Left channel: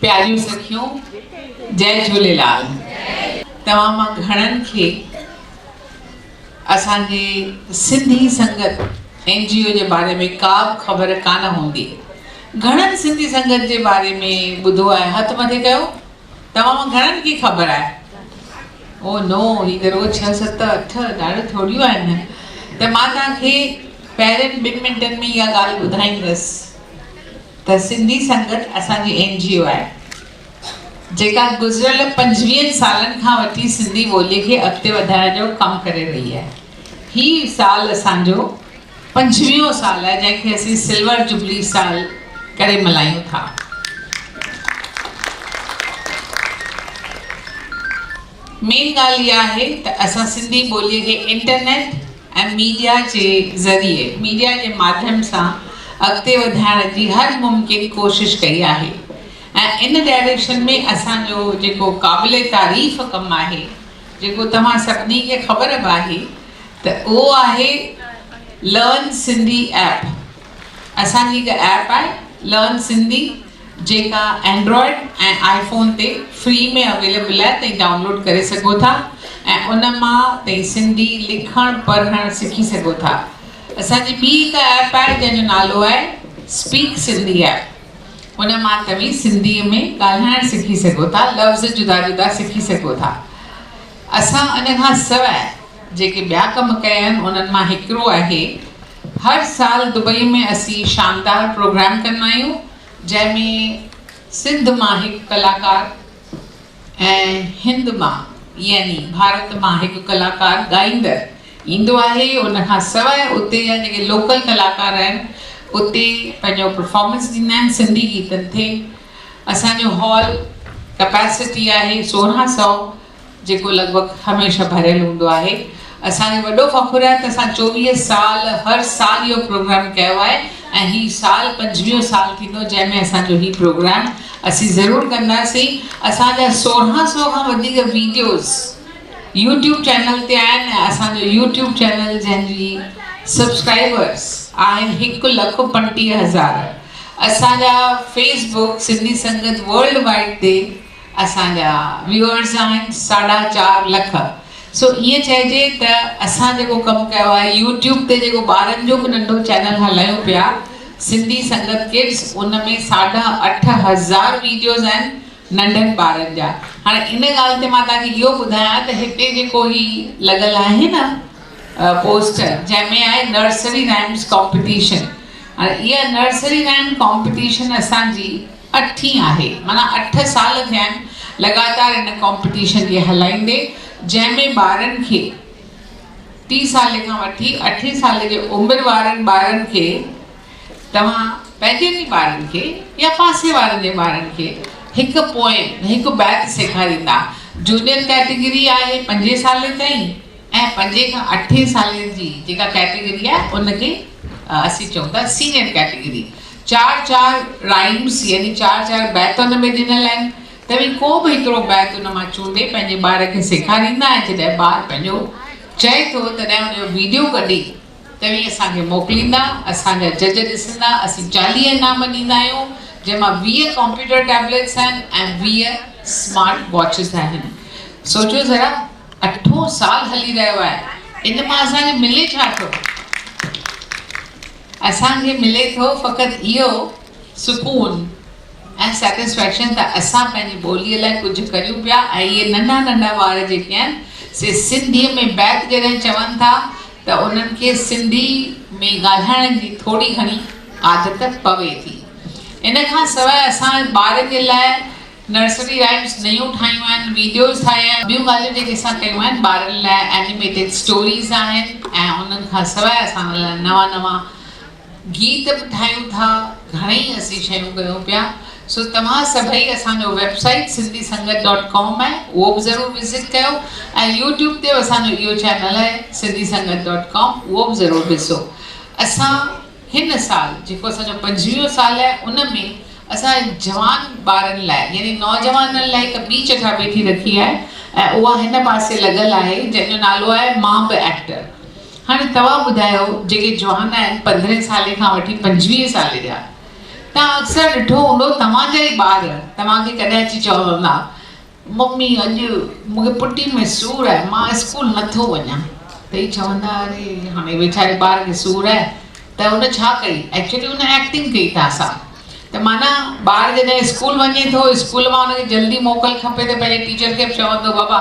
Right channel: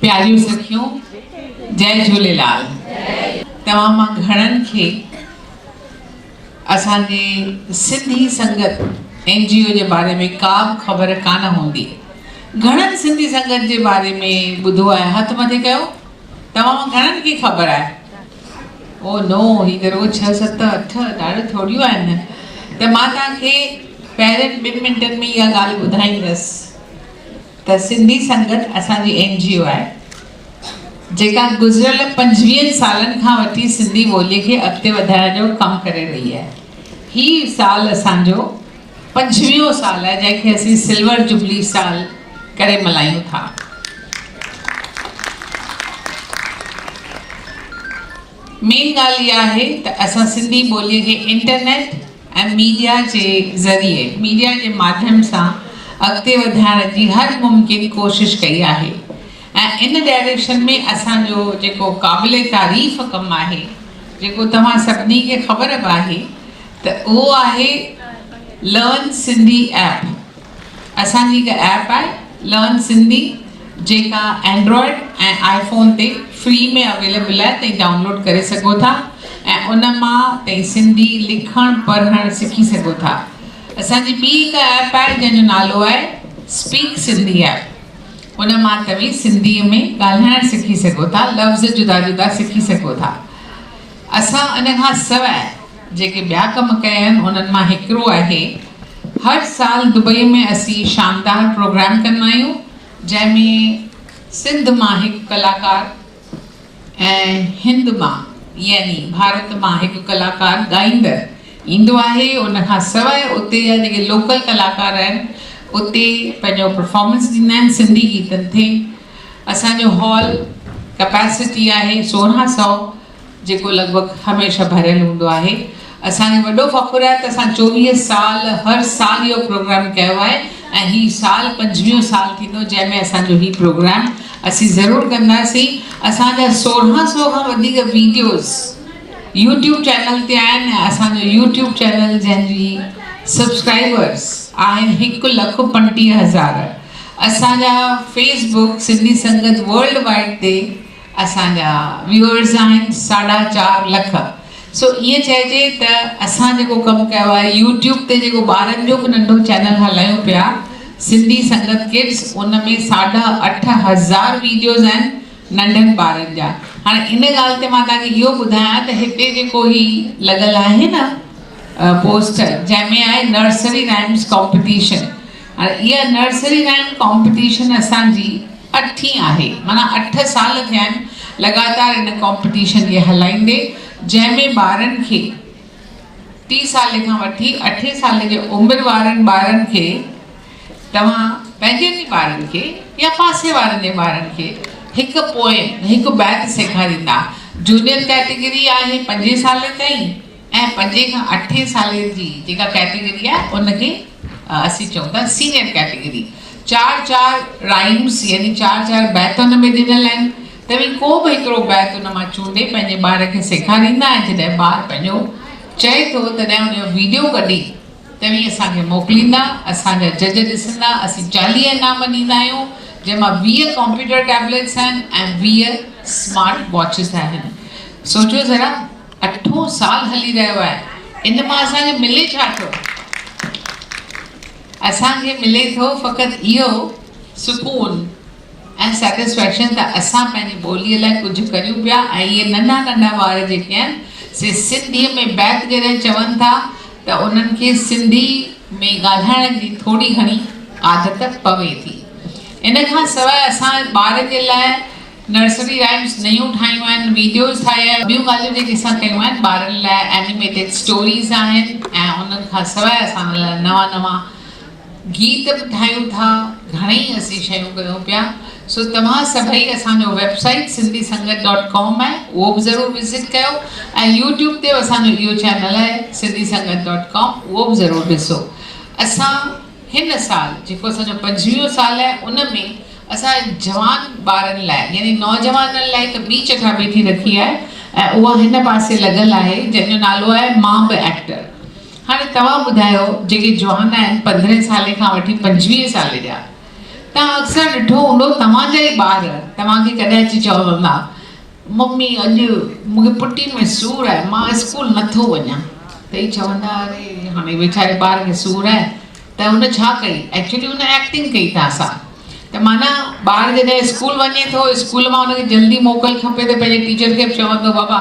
प्यारियूं सखियूं, जय झूलेलाल। तव्हां मां घणनि खे असांजे सिंधी संगत NGO जे बारे में का बि ख़बर कान हूंदी। घणनि सिंधी संगत जे बारे में ॿुधो आहे? हथ मथे कयो। तव्हां मां घणनि खे ख़बर आहे? ओ नो, ही त रोज़ 6, 7, 8 ॾाढो थोड़ियूं आहिनि। त मां तव्हांखे पहिरें 2 मिंटनि में इहा ॻाल्हि ॿुधाईंदसि त सिंधी संगत असांजी NGO आहे जेका गुज़िरियल 25 सालनि खां वठी सिंधी ॿोलीअ खे अॻिते वधाइण जो कमु करे रही आहे। ही साल असांजो 25हों साल आहे जंहिंखे असीं सिल्वर जुबली साल करे मल्हायूं था। मेन ॻाल्हि इहा आहे त असां सिंधी ॿोलीअ खे इंटरनेट ऐं मीडिया जे ज़रिए, मीडिया जे माध्यम सां अॻिते वधाइण जी हर मुमकिन कोशिश कई आहे। ऐं इन डायरेक्शन में असांजो जेको क़ाबिले तारीफ़ कमु आहे, जेको तव्हां सभिनी खे ख़बर बि आहे, त उहो आहे लर्न सिंधी ऐप। असांजी हिकु ऐप आहे लर्न सिंधी, जेका एंड्रॉयड ऐं आईफोन ते फ्री में अवेलेबल आहे। तव्हां डाउनलोड करे सघो था ऐं उन मां तव्हां सिंधी लिखणु पढ़णु सिखी सघो था। असांजी ॿी हिकु ऐप आहे जंहिंजो नालो आहे स्पीक सिंधी ऐप। उन मां तव्हां सिंधीअ में ॻाल्हाइणु सिखी सघो था, लफ़्ज़ जुदा जुदा सिखी सघो था। असां इन खां सवाइ जेके ॿिया कम कया आहिनि उन्हनि मां हिकिड़ो आहे, हर साल दुबई में असीं शानदार प्रोग्राम कंदा आहियूं जंहिंमें सिंध मां हिकु कलाकार ऐं हिंद मां यानी भारत मां हिकु कलाकार ॻाईंदड़ ईंदो आहे। उन खां सवाइ उते जा जेके लोकल कलाकार आहिनि उते पंहिंजो परफॉर्मेंस ॾींदा आहिनि सिंधी गीतनि ते। असांजो हॉल कैपेसिटी आहे 1600, जेको लॻभॻि हमेशह भरियल हूंदो आहे। असांखे वॾो फ़ख़ुरु आहे त असां 24 साल हर साल इहो प्रोग्राम कयो आहे ऐं हीउ साल 25हों साल थींदो जंहिंमें असांजो हीउ प्रोग्राम असीं ज़रूरु कंदासीं। असांजा 1600 खां वधीक वीडियोज़ यूट्यूब चैनल ते आहिनि ऐं असांजो यूट्यूब चैनल जंहिंजी सब्सक्राइबर्स आहिनि 1,35,000। असांजा फेसबुक सिंधी संगत वर्ल्ड वाइड ते असांजा व्यूअर्स आहिनि 4.5 लख। सो ईअं चइजे त असां जेको कमु कयो आहे यूट्यूब ते, जेको ॿारनि जो बि नंढो चैनल हलायूं पिया सिंधी संगत किड्स, उन में 8,500 वीडियोज़ आहिनि नंढनि ॿारनि जा। हाणे इन ॻाल्हि ते मां तव्हांखे इहो ॿुधायां त हिते जेको ही लॻल आहे न पोस्टर, जंहिंमें आहे नर्सरी राइम्स कॉम्पिटिशन। हाणे इहा नर्सरी राइम कॉम्पिटिशन असांजी 8हीं आहे, माना 8 साल थिया आहिनि लॻातार इन कॉम्पिटिशन खे हलाईंदे, जंहिंमें ॿारनि खे 30 साल खां वठी 8 साल जे उमिरि वारनि ॿारनि खे तव्हां पंहिंजे ई ॿारनि खे या पासे वारनि जे ॿारनि खे हिकु पोएम, हिकु बैत सेखारींदा। जूनियर कैटेगरी आहे 5 साल ताईं ऐं 5 खां 8 साल जी जेका कैटेगरी आहे उनखे असीं चऊं था सीनियर कैटेगरी। 4-4 राइम्स यानी 4-4 बैत उन में ॾिनल आहिनि। तव्हां को बि हिकिड़ो बैत उन मां चूंडे पंहिंजे ॿार खे सेखारींदा ऐं जॾहिं ॿारु पंहिंजो चए थो तॾहिं उनजो वीडियो कढी तव्हां असांखे मोकिलींदा। असांजा जज ॾिसंदा। असीं 40 इनाम ॾींदा आहियूं जंहिंमां 20 कंप्यूटर टैबलेट्स आहिनि ऐं 20 स्मार्ट वॉचिस आहिनि। सोचो ज़रा, 8 साल हली रहियो आहे। इन मां असांखे मिले छा थो? असांखे मिले थो फ़क़ति इहो सुकून ऐं सेटिस्फैक्शन त असां पंहिंजी ॿोलीअ लाइ कुझु करियूं पिया। ऐं इहे नंढा नंढा ॿार जेके आहिनि से सिंधीअ में बैत जॾहिं चवनि था त उन्हनि खे सिंधी में ॻाल्हाइण जी थोरी घणी आदत पवे थी। इन खां सवाइ असां ॿार जे लाइ नर्सरी राइम्स नयूं ठाहियूं आहिनि, वीडियोज़ ठाहिया आहिनि, ॿियूं ॻाल्हियूं जेके असां कयूं आहिनि ॿारनि लाइ एनिमेटेड स्टोरीज़ आहिनि। ऐं उन्हनि खां सवाइ असां लाइ नवां गीत बि ठाहियूं था। घणेई असीं शयूं कयूं पिया। सो तव्हां सभई असांजो वेबसाइट sindhisangat.com आहे, उहो बि ज़रूरु विज़िट कयो ऐं यूट्यूब ते असांजो इहो चैनल आहे sindhisangat.com, उहो बि ज़रूरु ॾिसो। असां हिन साल जेको असांजो 25हों साल आहे उन में असां जवान ॿारनि लाइ यानी नौजवाननि लाइ हिकु ॿी चटाभेटी रखी आहे ऐं उहा हिन पासे लॻल आहे जंहिंजो नालो आहे मां बि एक्टर। हाणे तव्हां ॿुधायो जेके जवान आहिनि 15 साल खां वठी 25 साल जा, तव्हां अक्सर ॾिठो हूंदो तव्हांजा ई ॿार तव्हांखे कॾहिं अची चवंदा मम्मी अॼु मूंखे पुटी में सूरु आहे मां स्कूल नथो वञा त ई चवंदा अरे हाणे वीचारे ॿार खे सूरु आहे त हुन छा कई एक्चुअली हुन एक्टिंग कई तव्हां सां त माना ॿार जॾहिं स्कूल वञे थो स्कूल मां हुनखे जल्दी मोकल खपे त पंहिंजे टीचर खे बि चवंदो बाबा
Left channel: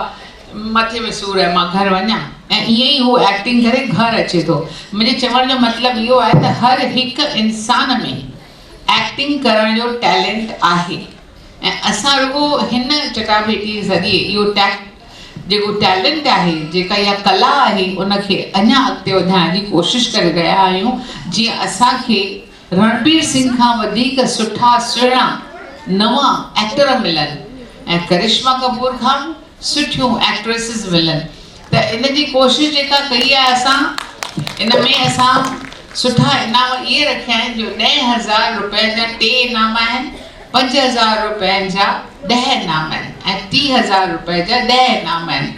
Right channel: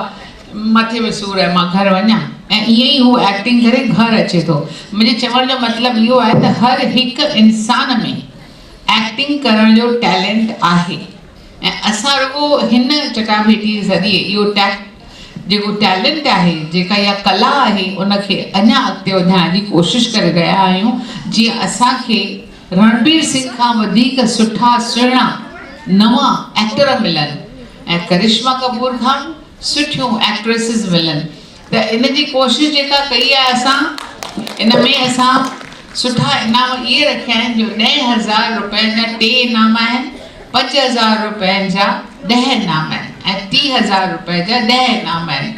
मथे में सूरु आहे मां घर वञा ऐं ईअं ई हू एक्टिंग करे घर अचे थो मुंहिंजे चवण जो मतिलबु इहो आहे त हर हिकु इंसान में एक्टिंग करण जो टैलेंट आहे ऐं असां रुॻो हिन चटाभेटी ज़रिए इहो जेको टैलेंट आहे जेका इहा कला आहे उनखे अञा अॻिते वधाइण जी कोशिशि करे रहिया आहियूं जीअं असांखे रणबीर सिंह खां वधीक सुठा सुहिणा नवां एक्टर मिलनि ऐं करिश्मा कपूर खां सुठियूं एक्ट्रेसिस मिलनि त इन जी कोशिशि जेका कई आहे असां इन में असां सुठा इनाम इहे रखिया आहिनि जो 10,000 रुपयनि जा 3 इनाम आहिनि 5,000 रुपयनि जा 10 इनाम आहिनि ऐं 30,000 रुपए जा 10 इनाम आहिनि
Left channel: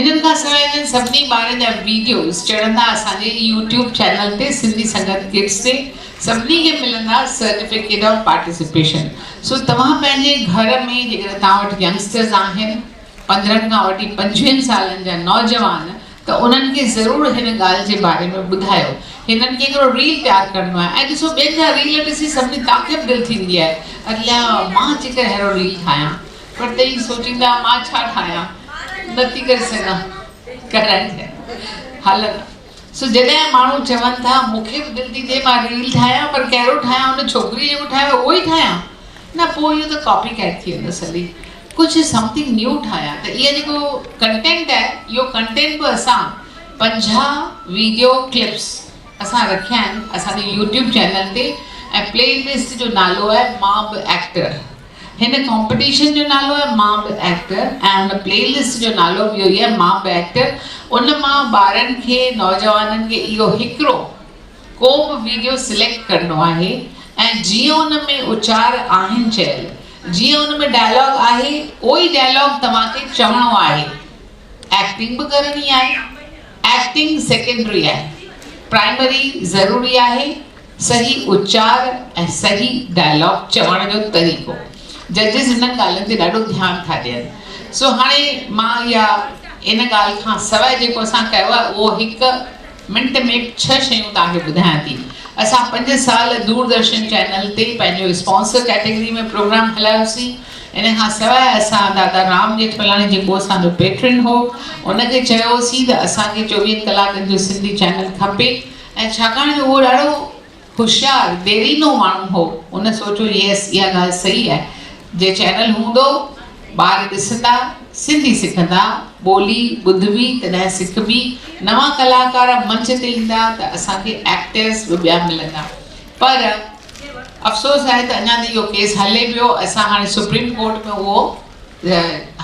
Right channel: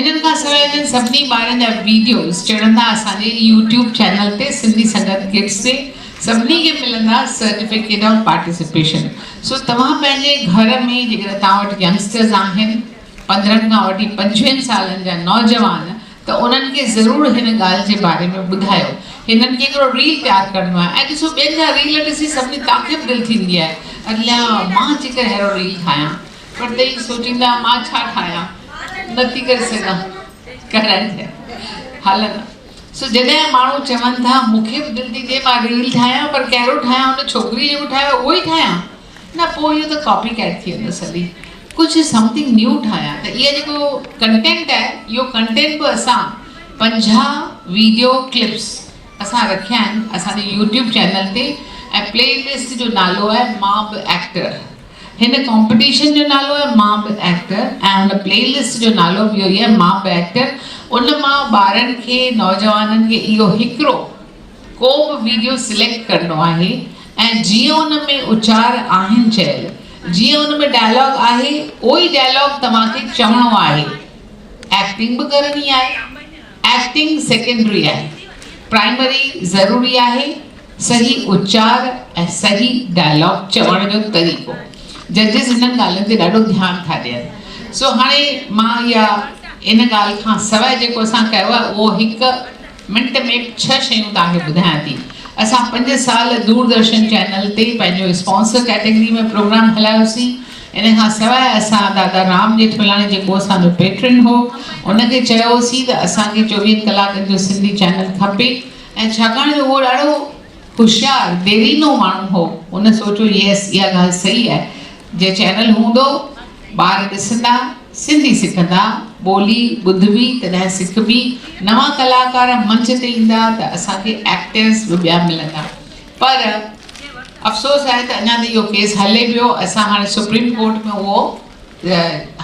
इन्हनि खां सवाइ इन्हनि सभिनी ॿारनि जा वीडियोस चढ़ंदा असांजे यूट्यूब चैनल ते सिंधी संगत किड्स ते सभिनी खे मिलंदा सर्टिफिकेट ऑफ पार्टिसिपेशन सो तव्हां पंहिंजे घर में जेकर तव्हां वटि यंगस्टर्स आहिनि 15 खां वठी 25 सालनि जा नौजवान त उन्हनि खे ज़रूरु हिन ॻाल्हि जे बारे में ॿुधायो हिननि खे हिकिड़ो रील तयारु करिणो आहे ऐं ॾिसो ॿियनि जा रील ॾिसी सभिनी तव्हांखे बि दिलि थींदी आहे अलाए मां अची करे अहिड़ो रील ठाहियां पर त ई सोचींदा मां छा ठाहियां नथी करे सघां करणु हलंदा सो जॾहिं माण्हू चवनि था मूंखे बि दिलि थी थिए मां रील ठाहियां पर कहिड़ो ठाहियां हुन छोकिरी जेको ठाहियो उहो ई ठाहियां न पोइ इहो त कॉपी कैट थी वेंदो सॼी कुझु समथिंग न्यू ठाहियां त इहो जेको कंटेंट आहे इहो कंटेंट बि असां 50 वीडियो क्लिप्स असां रखिया आहिनि असांजे यूट्यूब चैनल ते ऐं प्लेलिस्ट जो नालो आहे मां बि एक्टर हिन कॉम्पिटिशन जो नालो आहे मां बि एक्टर ऐं हुन प्लेलिस्ट जो नालो बि इहो ई आहे मां बि एक्टर उन मां ॿारनि खे नौजवाननि खे इहो हिकिड़ो को बि वीडियो सिलेक्ट करिणो आहे ऐं जीअं उन में उचार आहिनि चयल जीअं उन में डायलॉग आहे उहो ई डायलॉग तव्हांखे चवणो आहे एक्टिंग बि करणी आहे एक्टिंग सेकेंडरी आहे प्राइमरी ज़रूरी आहे सही उचार ऐं सही डायलॉग चवण जो तरीक़ो जजिस हिननि ॻाल्हियुनि ते ॾाढो ध्यानु था ॾियनि सो हाणे मां इहा इन ॻाल्हि खां सवाइ जेको असां कयो आहे उहो 1 मिंट में 6 शयूं तव्हांखे ॿुधायां थी असां 5 साल दूरदर्शन चैनल ते पंहिंजो स्पॉन्सर कैटेगरी में प्रोग्राम हलायोसीं इन खां सवाइ असां दादा राम जेठमलानी जेको असांजो पेट्रन हो उनखे चयोसीं त असांखे 24 कलाकनि जो सिंधी चैनल खपे ऐं छाकाणि जो उहो ॾाढो होशियारु देरीनो माण्हू हो उन सोचियो यस इहा ॻाल्हि सही आहे जे चैनल हूंदो ॿार ॾिसंदा सिंधी सिखंदा ॿोली ॿुधबी तॾहिं सिखबी नवां कलाकार मंच ते ईंदा त असांखे एक्टर्स बि ॿिया मिलंदा पर अफ़सोस आहे त अञा त इहो केस हले पियो असां हाणे सुप्रीम कोर्ट में उहो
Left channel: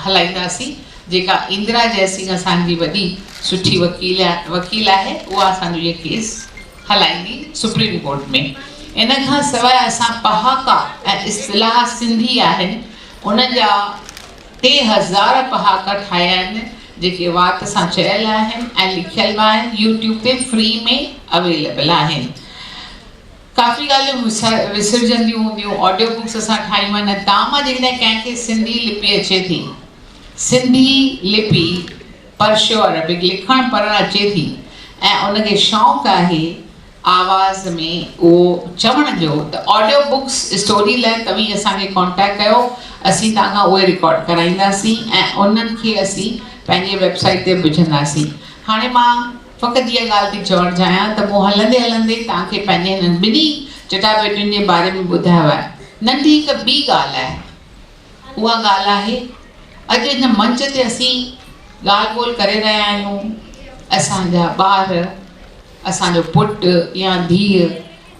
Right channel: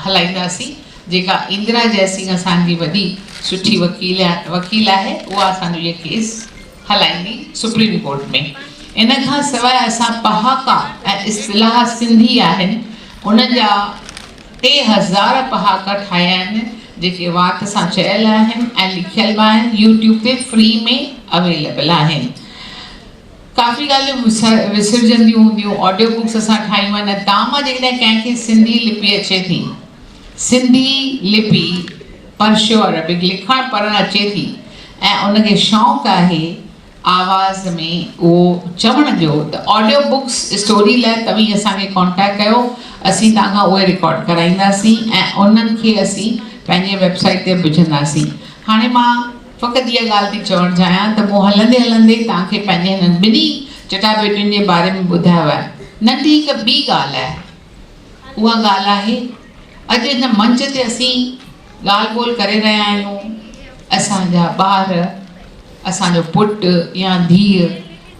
हलाईंदासीं जेका इंदिरा जयसिंह असांजी वॾी सुठी वकील आहे उहा असांजो इहो केस हलाईंदी सुप्रीम कोर्ट में इन खां सवाइ असां पहाका ऐं इस्तिलाह सिंधी आहिनि उन्हनि जा 3000 पहाका ठाहिया आहिनि जेके वात सां चयल आहिनि ऐं लिखियल बि आहिनि यूट्यूब ते फ्री में अवेलेबल आहिनि काफ़ी ॻाल्हियूं विसरजंदियूं हूंदियूं ऑडियो बुक्स असां ठाहियूं आहिनि तव्हां मां जेकॾहिं कंहिंखे सिंधी लिपि अचे थी सिंधी लिपि पर्शियो अरबिक लिखणु पढ़णु अचे थी ऐं उनखे शौक़ु आहे आवाज़ में उहो चवण जो त ऑडियो बुक्स स्टोरी लाइ तव्हीं असांखे कॉन्टेक्ट कयो असीं तव्हांखां उहे रिकॉर्ड कराईंदासीं ऐं उन्हनि खे असीं पंहिंजे वेबसाइट ते विझंदासीं हाणे मां फ़क़ति इहा ॻाल्हि थी चवणु चाहियां त मूं हलंदे हलंदे तव्हांखे पंहिंजे हिननि ॿिन्ही चटाभेटियुनि जे बारे में ॿुधायो आहे नंढी हिकु ॿी ॻाल्हि आहे उहा ॻाल्हि आहे अॼु हिन मंच ते असीं ॻाल्हि ॿोल करे रहिया आहियूं असांजा ॿार असांजो पुटु या धीउ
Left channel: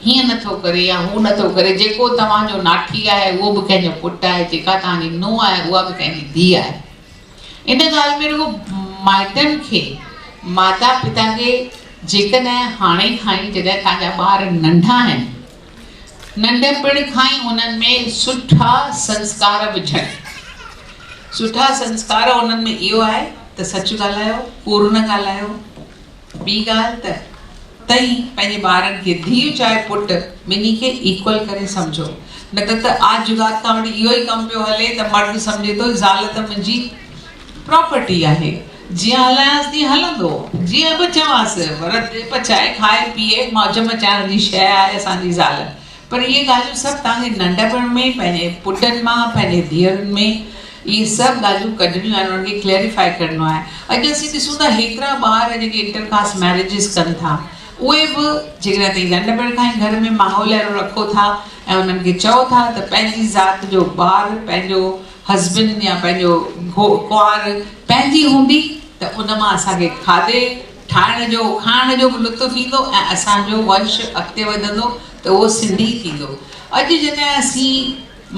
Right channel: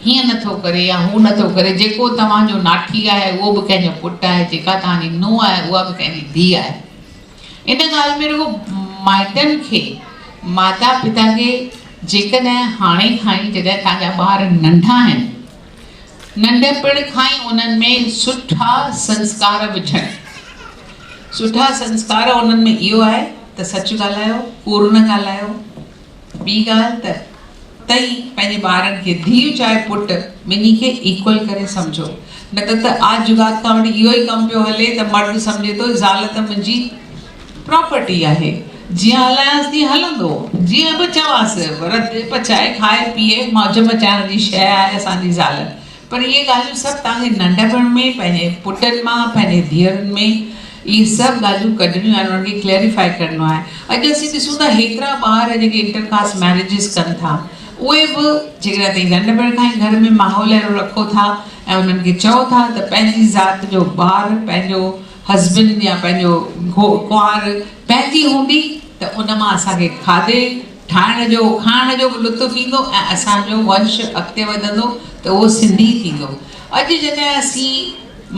हीअं नथो करे या हू नथो करे जेको तव्हांजो नाठी आहे उहो बि कंहिंजो पुटु आहे जेका तव्हांजी नुंहुं आहे उहा बि कंहिंजी धीउ आहे इन ॻाल्हि में रुॻो माइटनि खे माता पिता खे जेकॾहिं हाणे खां ई जॾहिं तव्हांजा ॿार नंढा आहिनि नंढपण खां ई उन्हनि में सुठा संस्कार विझण सुठा संस्कार उन्हनि में इहो आहे त सच ॻाल्हायो कूड़ न ॻाल्हायो ॿी ॻाल्हि त तई पंहिंजे ॿारनि खे धीउ चाहे पुटु ॿिन्ही खे इक्वल करे सम्झो। न त आज जुगात खां वठी इहो ई कमु पियो हले त मर्द सम्झे थो ज़ाल त मुंहिंजी प्रॉपर्टी आहे, जीअं हलायांसि तीअं हलंदो, जीअं बि चवांसि, पर पचाए खाए पीए मौज मचाइण जी शइ आहे असांजी ज़ाल। पर इहे ॻाल्हियूं सभु तव्हांखे नंढपण में पंहिंजे पुटनि मां पंहिंजे धीअरुनि में इहे सभु ॻाल्हियूं कढणियूं आहिनि, उन्हनि खे क्लैरिफाई करिणो आहे। अॼु असीं ॾिसूं था हेतिरा ॿार जेके इंटरकास्ट मैरिजिस कनि था, उहे बि जेकॾहिं तव्हां नंढपण खां ई घर में माहौल अहिड़ो रखो था ऐं उन्हनि खे चओ था त पंहिंजी ज़ात जो ॿारु पंहिंजो हस्बैंड या पंहिंजो कुंवार पंहिंजी हूंदी त उन मां असांखे खाधे ठाहिण जो खाइण जो बि लुत्फ़ ईंदो ऐं असांजो वंश अॻिते वधंदो त उहो सिंधी थींदो। अॼु जॾहिं असीं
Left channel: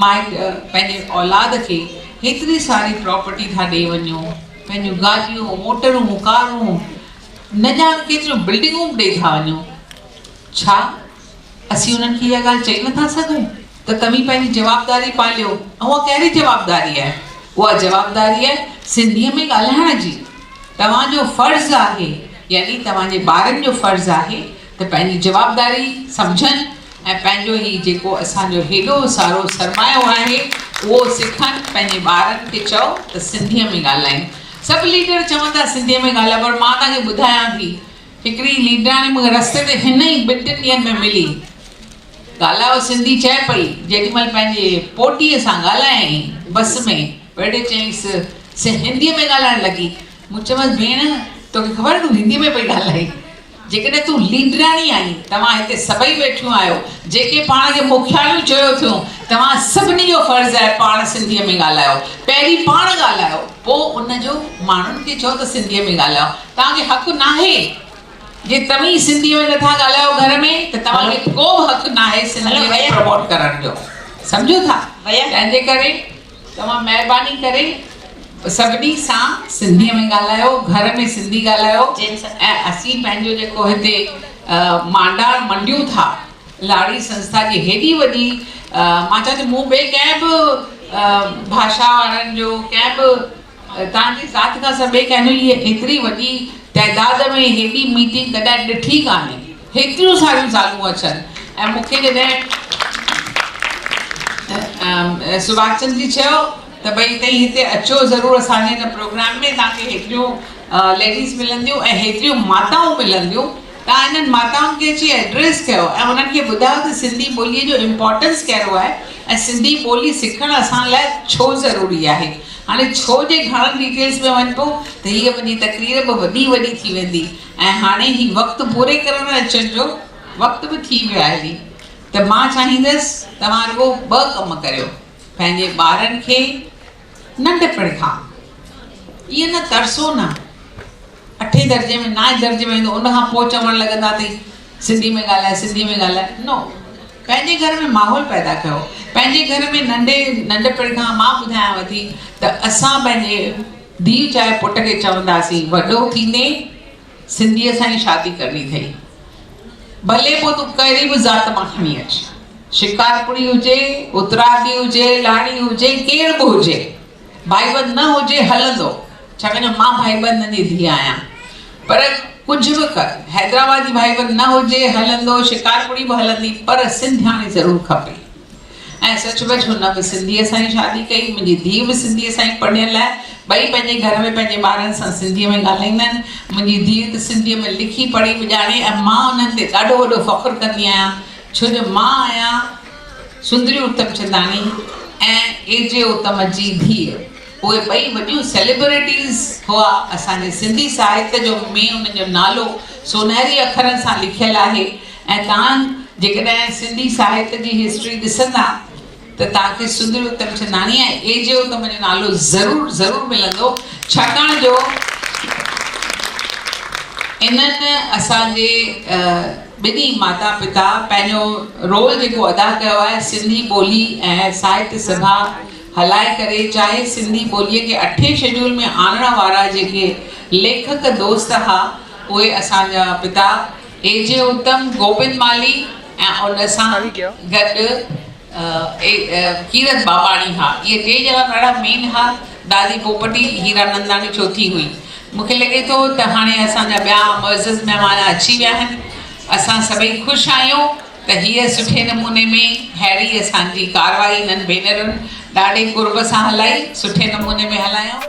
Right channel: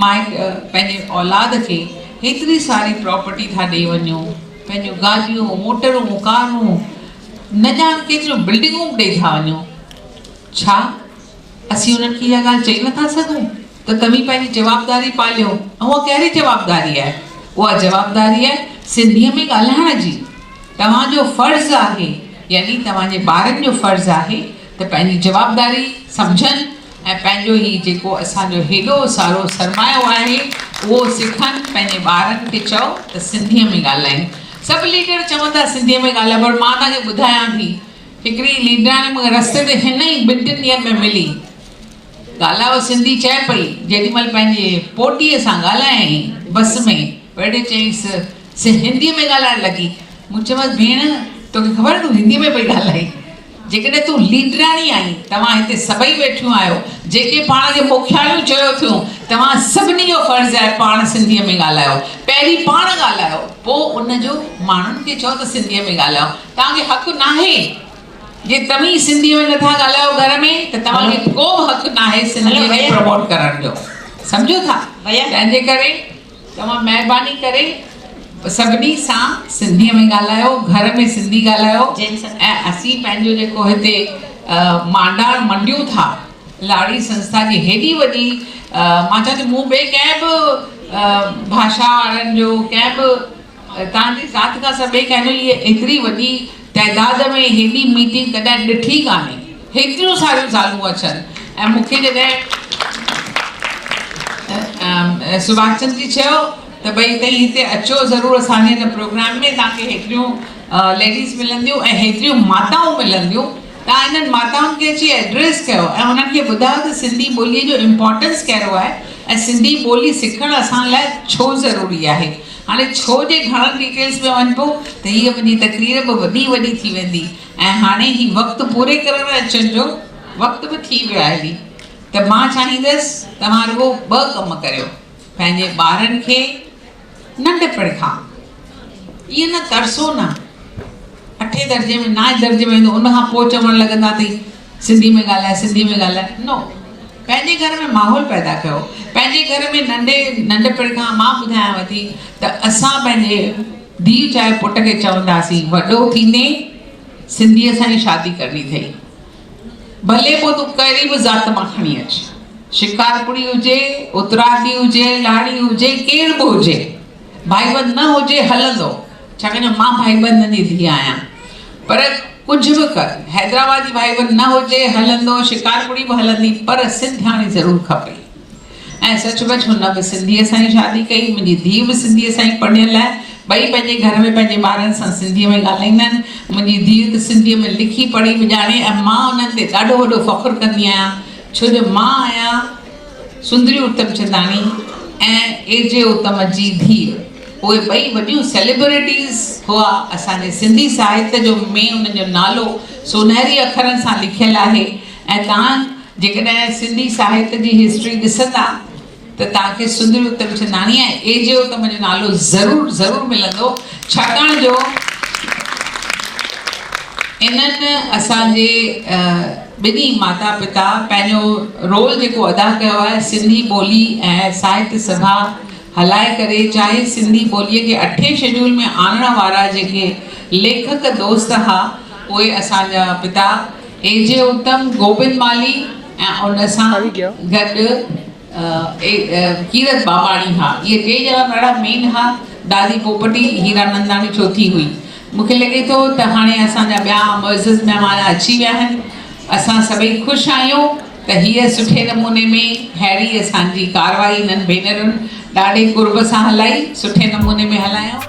पंहिंजे औलाद खे हेतिरी सारी प्रॉपर्टी था ॾेई वञूं, पंहिंजूं गाॾियूं मोटरूं कारूं न ॼाण केतिरियूं बिल्डिंगूं ॾेई था वञूं, छा असीं उन्हनि खे इहा ॻाल्हि चई नथा सघूं त तव्हीं पंहिंजी जवाबदारी पालियो? ऐं उहा कहिड़ी जवाबदारी आहे? उहा जवाबदारी आहे सिंधीअ में ॻाल्हाइण जी। तव्हांजो फ़र्ज़ु आहे, यानी तव्हांजे ॿारनि जो फ़र्ज़ु आहे त पंहिंजी जवाबदारी सम्झनि ऐं पंहिंजो ही जेको असांजो हेॾो सारो सरमायो आहे उहो सिखनि, पंहिंजे ॿारनि खे चओ त सिंधीअ में ॻाल्हाइनि। सभु लीडर चवनि था सिंधीअ में ॻाल्हायो, पर मां तव्हांखे ॿुधायां थी, हिकिड़ी लीडराणी मूंखे रस्ते ते हिन ई 2-3 ॾींहंनि में मिली, ॻाल्हायो सिंधी चए पई, जेॾीमहिल पंहिंजे पोटीअ सां ॻाल्हायईं बस में वेठे चयईंसि हिंदीअ में ॻाल्हाइण लॻी। मूं चयोमांसि भेण तोखे ख़बर तूं हिंदीअ में पई ॻाल्हाई? जेकॾहिं तूं लीडराणी आई, तव्हां हिते सभई वेठियूं आहियो, जेके पाण खे मुखियालियूं चयो थियूं, तव्हां सभिनी जो फ़र्ज़ु आहे पाण सिंधीअ में ॻाल्हायो। पहिरीं पाण ॻाल्हायो, पोइ उनजो माण्हुनि खे चओ त सिंधीअ में ॻाल्हायो। तव्हांखे हक़ु नाहे जे तव्हीं सिंधीअ में नथा ॻाल्हायो घर में त तव्हांखे को हक़ु नाहे सिंधीअ खे प्रमोट करण जो, सम्झो था? तंहिंजे करे तव्हां महिरबानी करे सभिनी सां सिंधीअ में ॻाल्हायो, घर में सिंधी ॻाल्हायो। ऐं असीं पंहिंजो जेको हिते मांडार मंडियूं था, लाड़ी संस्था जी हेॾी वॾी, मां चवां थी मूं ॿिए कंहिं बि भाषा वारनि जो कंहिं बि तव्हांजी ज़ात खां सभु ॿिए कंहिं इहे एतिरी वॾी तइदाद में हेॾी मीटिंग कॾहिं ॾिठी कान्हे, हेतिरियूं सारियूं ज़ालूं अचनि। ऐं मूंखे जॾहिं सुभाष चंद्र जी चयो त भई तव्हीं हिते अचो ज़रूरु, असांजे हिन प्रोग्राम में तव्हांखे हेतिरियूं लेडीज़ मिलंदियूं ऐं हेतिरियूं माताऊं मिलंदियूं, तव्हां इन्हनि माताउनि खे अची एड्रेस कयो ऐं उन्हनि खे ॿुधायो त सिंधी ॿोलीअ जो इम्पोर्टेंस कहिड़ो आहे ऐं सिंधी ॿोली सिखणु असां लाइ छो ज़रूरी आहे। हाणे छो जे घणनि डिटेल्स में वञिबो त हीअ मुंहिंजी तकरीर बि वॾी थी वेंदी ऐं हाणे ही वक़्तु पूरे करण अचण जो वक़्तु बि थी वियो आहे। हली त मां चाहींदसि तव्हां रुॻो 2 कम करियो, पंहिंजे ॿारनि खे नंढपण खां इहे न तरसो न 8 दर्जे में 9 दर्जे में ईंदो उनखां पोइ चवणु लॻंदा अथई सिंधी में ॻाल्हाए सिंधी में ॻाल्हाए। नो, पंहिंजे घर में माहौल पैदा कयो, पंहिंजे घर में नंढपण खां मां ॿुधायांव थी त असां पंहिंजे धीउ चाहे पुट खे चवंदासीं वॾो थींदे सिंधीअ सां ई शादी करणी अथई, भले पोइ तूं कहिड़ी बि ज़ात मां खणी अच, शिकारपुरी हुजे, उतरादी हुजे, लाड़ी हुजे, केर बि हुजे, भाईबंद न हुजे हलंदो, छाकाणि मां भाईबंदनि जी धीउ आहियां। पर कुझु बि कर, हैदराबादी भाईबंद न हुजे हलंदो, शिकारपुरी बि हलंदी, पर सिंधियाणी ज़रूरु खपे। ऐं सचमुच हुन बि सिंधीअ सां ई शादी कई, मुंहिंजी धीउ बि सिंधीअ सां ई पढ़ियल आहे, ॿई पंहिंजे घर में पंहिंजे ॿारनि सां सिंधीअ में ॻाल्हाईंदा आहिनि। मुंहिंजी धीउ त सिंधीअ में लिखी पढ़ी बि ॼाणे ऐं मां उन्हनि ते ॾाढो वॾो फ़ख़ुरु कंदी आहियां, छो जो मां आहियां सुंदरी उत्तमचंदानी ऐं एजे उत्तम जी धीउ। उहे ॿई वॾियूं सेलिब्रिटीज़ हुआ असांजे सिंधी साहित्य जो, में उन्हनि जो नालो सोनहरी अखरनि सां लिखियलु आहे। ऐं तव्हां जेकॾहिं सिंधी साहित्य जी हिस्ट्री ॾिसंदा त तव्हांखे सुंदरी उत्तमचंदानी ऐं एजे उत्तम जो नालो ज़रूरु मिलंदो, छाकाणि जो इन्हनि असांजे ॿिन्ही माता पिता पंहिंजो रोल जेको अदा कयो आहे सिंधी ॿोली ऐं साहित्य सभा हलाए करे, चाहे सिंधी ॿोलीअ खे 8 शेड्यूल में आणण वारा जेके लेखक दोस्त हुआ उहे असांजा पिता एजे उत्तम, गोविंद माली ऐं उन सां गॾु कीरत बाबाणी हा। इहे 3 ॼणा ॾाढा मेन हुआ। दादी पोपटी हीरानंदाणी चौथी हुई। मूंखे लॻे थो त हाणे असांजा ॿिया मुअज़्ज़िज़ महिमान अची विया आहिनि असां सभई ख़ुशि आहियूं त हीअ सुठे नमूने में अहिड़ी असांजी कारवाई इन्हनि भेनरुनि ॾाढे कुर्ब सां हलाई, सुठे नमूने में हलायूं।